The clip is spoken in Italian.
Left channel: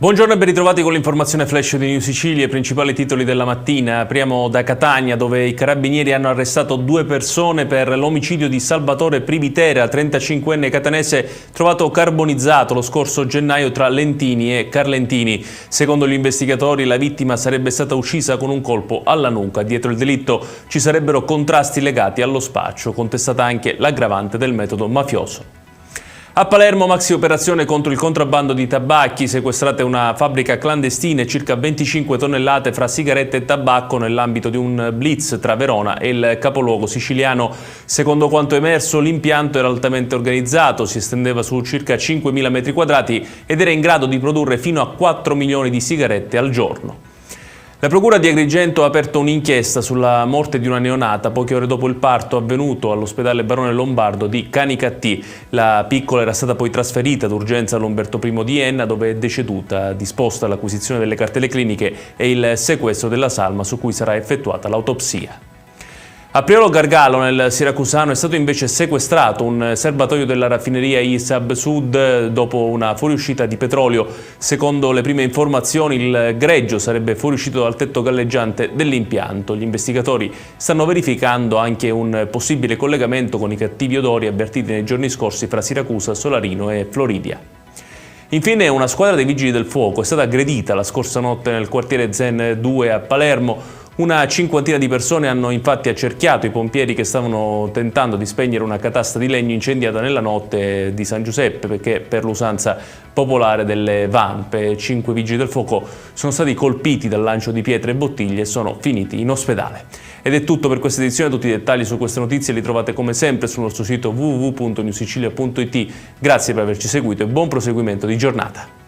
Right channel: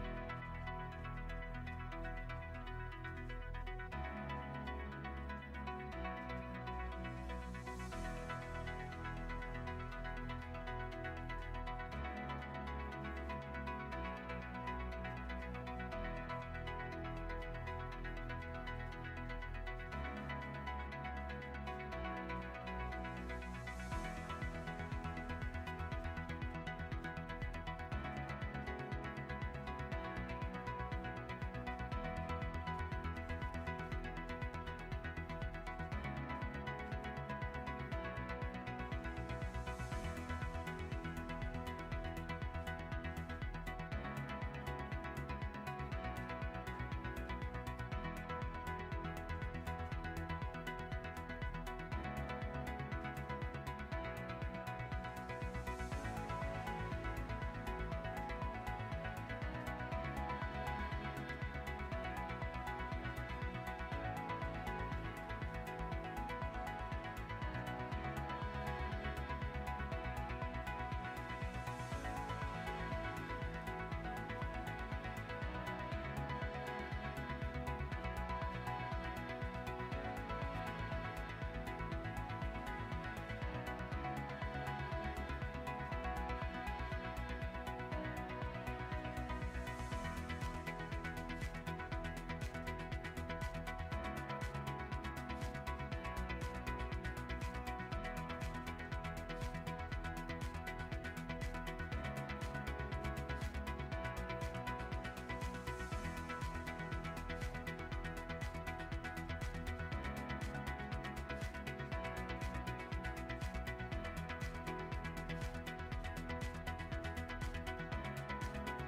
Buongiorno e ben ritrovati con l'informazione flash di New Sicilia, i principali titoli della mattina. Apriamo da Catania, dove i carabinieri hanno arrestato 2 persone per l'omicidio di Salvatore Privitera, 35enne catanese trovato carbonizzato lo scorso gennaio tra Lentini e Carlentini. Secondo gli investigatori la vittima sarebbe stata uccisa con un colpo alla nuca. Dietro il delitto ci sarebbero contrasti legati allo spaccio, contestata anche l'aggravante del metodo mafioso. A Palermo, maxi operazione contro il contrabbando di tabacchi, sequestrate una fabbrica clandestina e circa 25 tonnellate fra sigarette e tabacco nell'ambito di un blitz tra Verona e il capoluogo siciliano. Secondo quanto emerso, l'impianto era altamente organizzato, si estendeva su circa 5.000 metri quadrati ed era in grado di produrre fino a 4 milioni di sigarette al giorno. La Procura di Agrigento ha aperto un'inchiesta sulla morte di una neonata poche ore dopo il parto avvenuto all'ospedale Barone Lombardo di Canicattì. La piccola era stata poi trasferita d'urgenza all'Umberto I di Enna, dove è deceduta, disposta l'acquisizione delle cartelle cliniche e il sequestro della salma su cui sarà effettuata l'autopsia. A Priolo Gargalo, nel siracusano, è stato invece sequestrato un serbatoio della raffineria ISAB Sud dopo una fuoriuscita di petrolio. Secondo le prime informazioni, il greggio sarebbe fuoriuscito dal tetto galleggiante dell'impianto. Gli investigatori stanno verificando anche un possibile collegamento con i cattivi odori avvertiti nei giorni scorsi fra Siracusa, Solarino e Floridia. Infine, una squadra dei Vigili del Fuoco è stata aggredita la scorsa notte nel quartiere Zen 2 a Palermo. Una cinquantina di persone hanno infatti accerchiato i pompieri che stavano tentando di spegnere una catasta di legno incendiata nella notte di San Giuseppe, perché per l'usanza popolare delle vampe 5 vigili del fuoco sono stati colpiti dal lancio di pietre e bottiglie e sono finiti in ospedale. Ed è tutto per questa edizione. Tutti i dettagli su queste notizie li trovate come sempre sul nostro sito www.newsicilia.it. Grazie per averci seguito e buon proseguimento di giornata.